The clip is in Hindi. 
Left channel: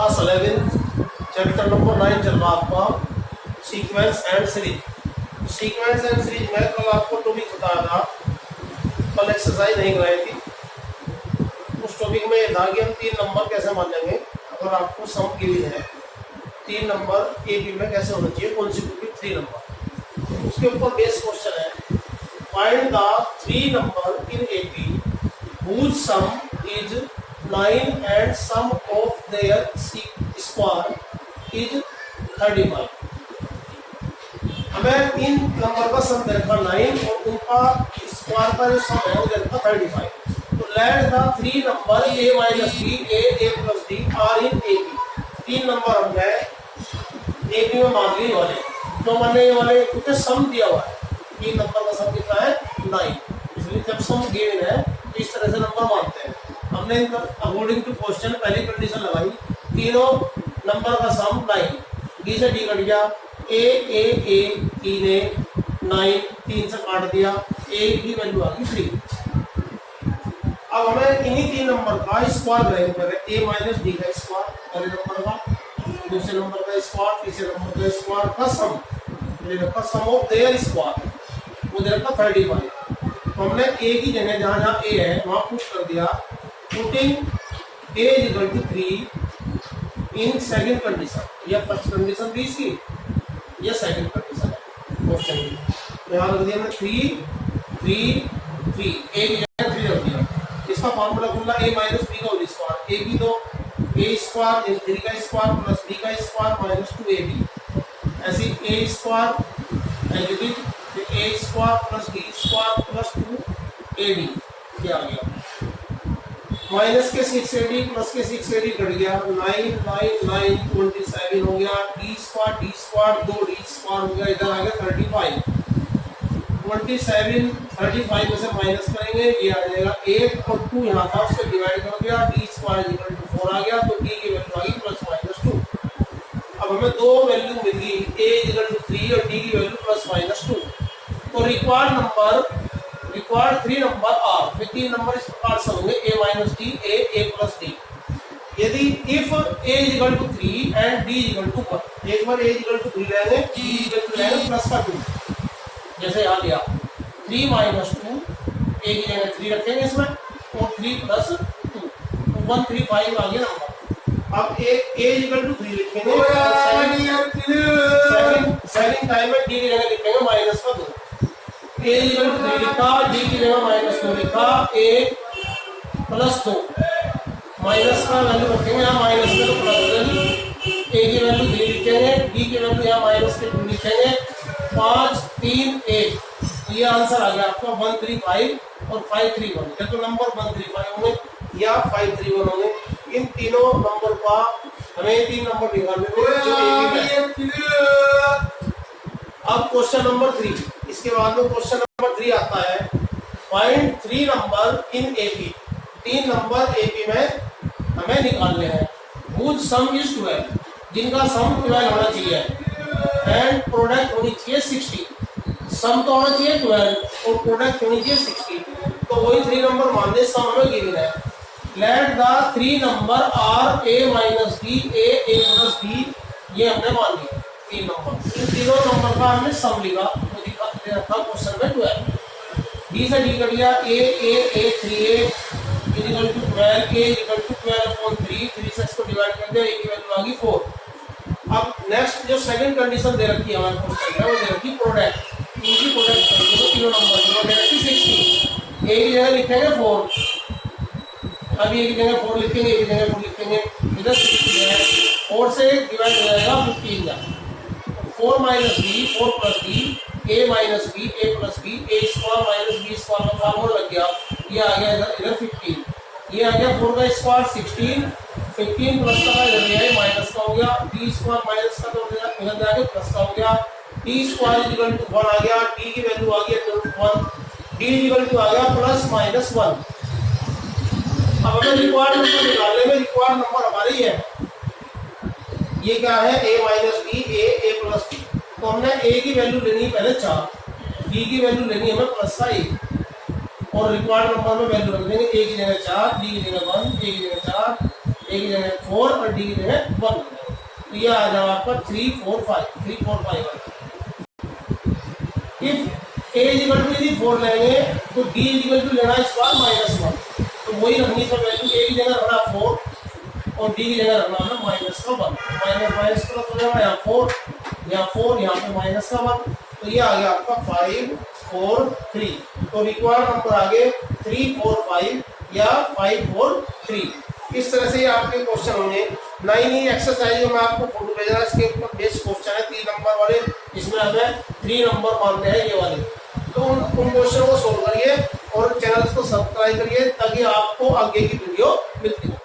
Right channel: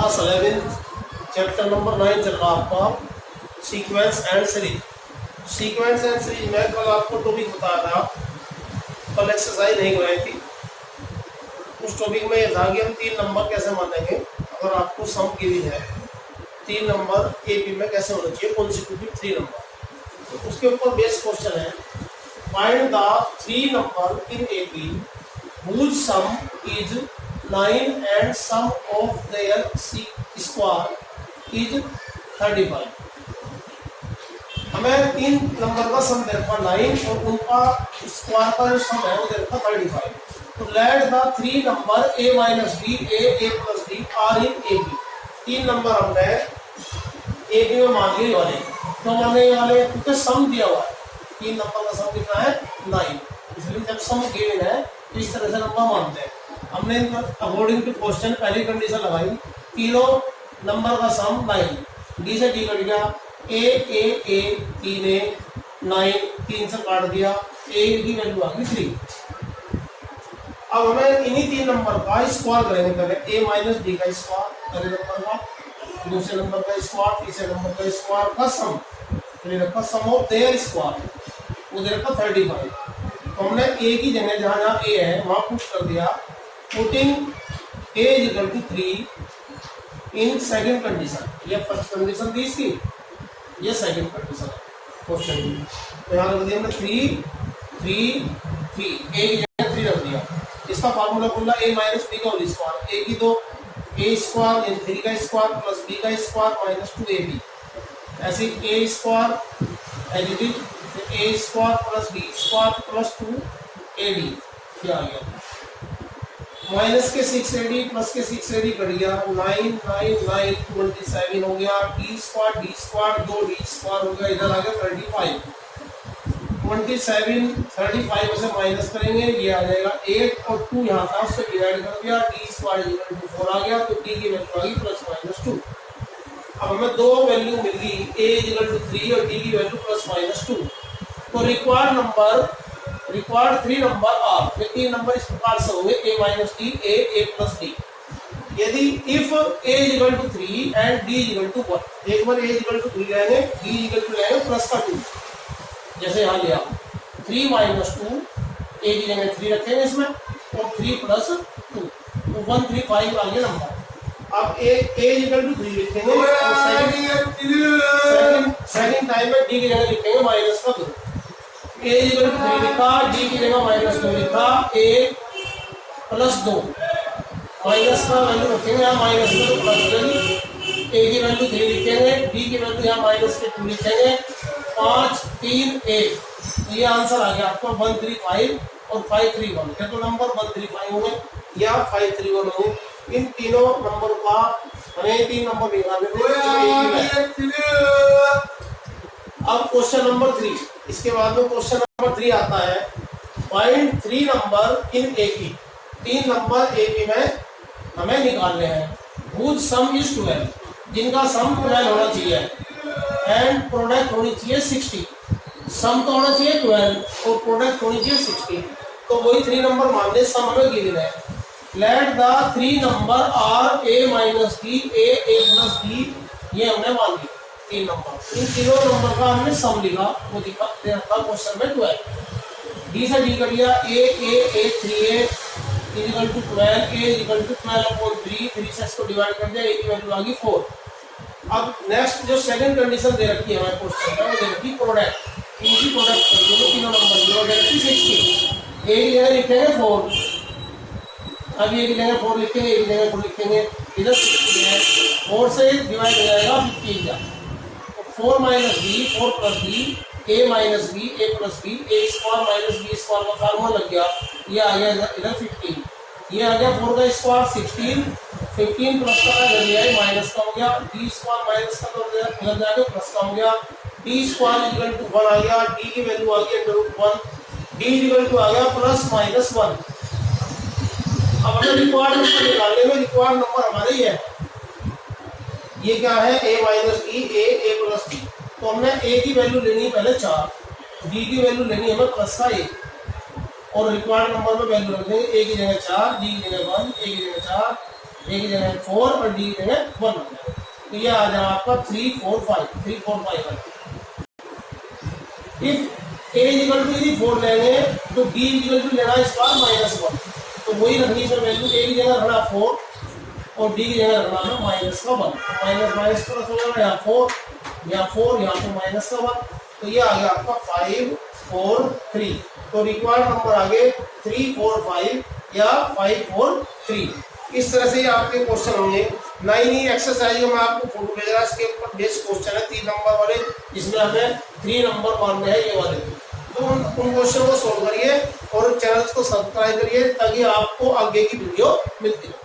क्लास 11 चैप्टर नंबर 9 चल रहा आपका sequence and series. Sequence and series में कल आपको टॉपिक बताया था, कल एक्सरसाइज नहीं कराई थी। उस टॉपिक में यह था कि हम 3 नंबर कैसे मानेंगे अगर आपको सम गिवन है। 3 नंबर ए बी में कैसे होना चाहिए कॉन्सिक्यूटिव 3 नंबर। तो उसके ऊपर बेस क्वेश्चन है, find the 3 number in A B whose sum is 9 and sum of their square is 35। हमें 3 नंबर का सम दे रखा 9 और उनका स्क्वायर का जो सम है वो दे रखा 35। तो let the 3 number a minus b a plus d are in A B. 3 number हमने ए बी में मान लिए वाले, तो मानने वाले क्योंकि सम दिया हुआ है। 3 नंबर का सम कितना है 9, इसलिए जब सम गिवन है तो इस तरह से नंबर मानते हैं। हमने अकॉर्डिंग टू क्वेश्चन पहली कंडीशन लगाई, तीनों नंबर का सम 9, डी से डी कट गया, ए 3 ए 9 3 से काट दिया, ए की वैल्यू आ गई 3। अब हमें इन्हीं 3 नंबर का स्क्वायर करेंगे। पहले ए माइनस डी का स्क्वायर पहले नंबर का, दूसरे नंबर का स्क्वायर, तीसरे नंबर का स्क्वायर का सम, सम ऑफ देयर स्क्वायर वो दे रखा 35। तो हमने ए की जगह जहाँ जहाँ ए है वहाँ पुट कर दिया, putting a equal to 3 in second condition. यह फर्स्ट कंडीशन थी इसकी, यह सेकंड कंडीशन है क्वेश्चन की। तो यहाँ रख दिया हमने 3 3 3, ए की जगह 3 रख दिया। इसका फार्मूला खुला ए माइनस बी का होल स्क्वायर, ए की तो ए स्क्वायर 3 का स्क्वायर प्लस बी का स्क्वायर माइनस 2ab। ऐसे A square as it is A square plus B square plus 2ab क्या आ गया, माइनस के 6ad प्लस के 6ad कट गया, 9 9 9 27 हो गया, d स्क्वायर 2d स्क्वायर हो गया, इधर आ गया 35। 27 35 में से माइनस करेंगे ये आ जाएगा 8 और 2 यहाँ था उससे डिवाइड कर दिया, d स्क्वायर इक्वल टू 4 आ गया, तो d की वैल्यू आ गई प्लस माइनस 2। अब हमें दो वैल्यू मिल गई, a इक्वल टू 3 और d की वैल्यू प्लस माइनस 2। तो रिक्वायर्ड 3 नंबर आर में 3 नंबर इस प्रकार से होंगे, a minus D a plus D. यदि if a equal to 3 and d equal to 1, एक बार a इक्वल टू 3 लेंगे, d इक्वल टू लेंगे प्लस का 2, जैसे यहाँ लिया 3 माइनस 2, a की जगह 3 रखेंगे इसमें और 3 प्लस 2, तो 135 आ गया नंबर। अब a इक्वल टू 3 लिखेंगे और सेकंड टाइम में d की जगह लिखेंगे माइनस का 2। a इक्वल टू 3 लिखा, d की जगह माइनस 2 लिखा, a प्लस 2 माइनस का वैल्यू रखेंगे यहाँ माइनस में तो प्लस हो जाएगी, a की वैल्यू 3 लिखेंगे, d की वैल्यू यहाँ माइनस के 2 लिखेंगे, 5 3 1, तो ये आंसर आ गया आपका 135 और 531। क्या तो नंबर 135 होंगे या 531 होंगे। इन तीनों नंबर का हमें 3 नंबर निकालने थे। अब क्वेश्चन नंबर 3, इसके बाद में क्वेश्चन नंबर 3 आता है, find 3 number in A B. 3 number A B में हमें निकालने हैं, whose sum is 12, जिनका सम 12 होना चाहिए एंड प्रोडक्ट होनी चाहिए 60। सम तो होना चाहिए 12 और प्रोडक्ट होनी चाहिए 60, तो वही 3 नंबर मानने सम हमें गिवन है। Let the 3 number are a minus D a plus d, ये हमने मान लिया 3 नंबर। इन तीनों नंबर का हमने सम लिखा, वो दिखा था क्वेश्चन में 12। डी से डी कर दिया, a 3a equal to 12, a equal to 12/3, 3 से इसको डिवाइड कर दिया, a की वैल्यू आ गई 4। अब नेक्स्ट जो सेकंड कंडीशन दे रखी है हमारे क्वेश्चन में, वो दे रखी प्रोडक्ट, इनकी प्रोडक्ट करेंगे तीनों नंबर की, वो दे रखी 60। a की जगह लिखेंगे 4, अब ये की जगह 4 लिखेंगे, एक जगह 4 लिखेंगे, इधर 60 है, 4 से डिवाइड हो जाएगा 15 का, 4 minus b 4 plus b a minus b a plus b, a square minus b square का फार्मूला लग गया, ये आ गया इधर 15, ये आ गया 4 का स्क्वायर 16, 15 प्लस का इधर दिया है माइनस का हो गया, d स्क्वायर माइनस का तो इधर जाके प्लस का हो गया, d स्क्वायर इक्वल टू 1 आ गया, d की वैल्यू आ गई √1, d इक्वल टू आ गया प्लस माइनस 1। अब हमें रिक्वायर्ड नंबर निकालने में, रिक्वायर्ड नंबर हमारे ही है, ये क्या है a minus D a plus D. तो हमने a की वैल्यू लेनी है पहले 4, d की वैल्यू लेनी है हमें प्लस का 1 और रिक्वायर्ड नंबर में वैल्यू रख देंगे, a की जगह 4, d की जगह 1, a की जगह 4, ए की जगह 4 और डी की जगह 1 लग जाएगा। तो ये आ जाएगा आपका 3 4 5 3 4 5 1। If a is equal to यदि 4 लेंगे तो बी इज इक्वल टू लेना स्क्वायर माइनस 1, तो वही रखनी है वैल्यू, ए की जगह रखना 4 और डी की जगह रखना है माइनस का 1। माइनस माइनस प्लस हो जाएगा, यहाँ 4 यहाँ 4 यहाँ पे माइनस का 1, तो ये आ गया आपका 5 4 3। तो रिक्वायर्ड नंबर आ गए 3 4 5 या 5 4 3। इस तरह से आपके क्वेश्चन होंगे। 9 एक्सरसाइज में मैं आपको फोटो भेज रहा है, इसके ऊपर बेस्ट क्वेश्चन है 3 नंबर वाले, इसमें हमें 3 नंबर मानने हैं ये वाले। तो उन क्वेश्चन को सोल्व करिए और चैनल को सब्सक्राइब करिए ताकि आपको आगे की वीडियो मिलती रहे।